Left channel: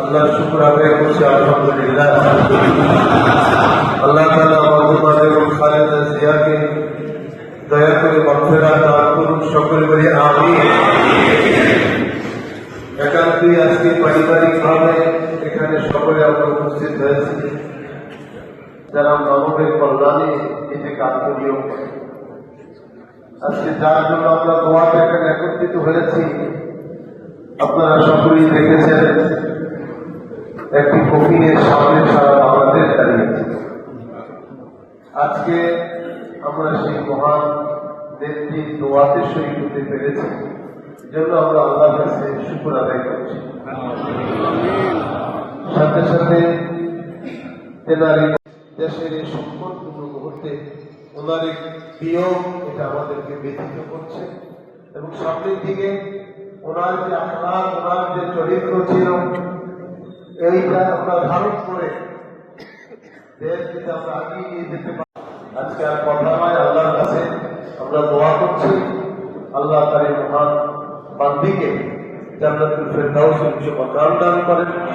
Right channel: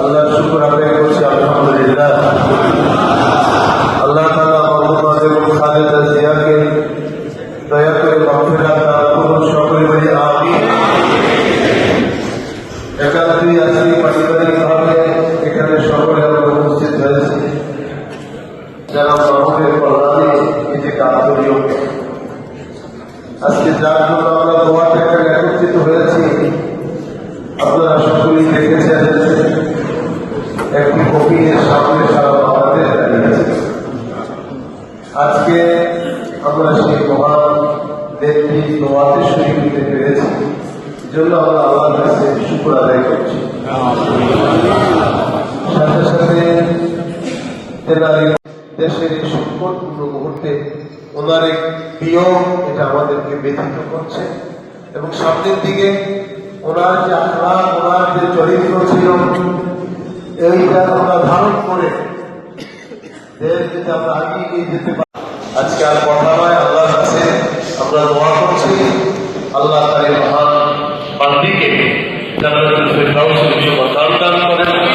আল্লাহ শুকর আদায় করছি, আলহামদুলিল্লাহ। আল্লাহ তাআলা খালেদা জিয়াকে দয়া করে মাগফিরাত দান করুন, সকলে বলি আমিন। একান্তই আজকে পারিবারিকভাবে এখানে সকলে আমরা উপস্থিত হয়েছি যারা মানবের কল্যাণে নিজেকে আত্মনিয়োগ। আজকে যার জন্য আমরা দোয়াতে এখানে একত্রিত হয়েছি, আপনারা সকলেই দেখেছেন একটি কপিলের সামনে সারা বাংলাদেশ দাঁড়িয়ে আছে। আজকে আমরা সেই মহান নেত্রী দোয়াতে শহীদ হতে পেরেছি, জন্য আমরা আল্লাহর কাছে শুকর আদায় করছি। সাথে সাথে দেশের এই সংকটপূর্ণ মুহূর্তে ওনার এক বিয়োগ, এটা আমাদেরকে ব্যথিত করছে। এবং সামনের দিকে ওনার যে আখলাক, ওনার যে চরিত্র ছিল, এইটা আমরা ধারণ করে দেশ যদি আমরা আগিয়ে নিয়ে যেতে পারি। আজকে আর কথা নয়, আল্লাহর কাছে আমরা দোয়া করছি আল্লাহ তার মহান বান্দিকে জান্নাতুল ফেরদাউসের দান করেন।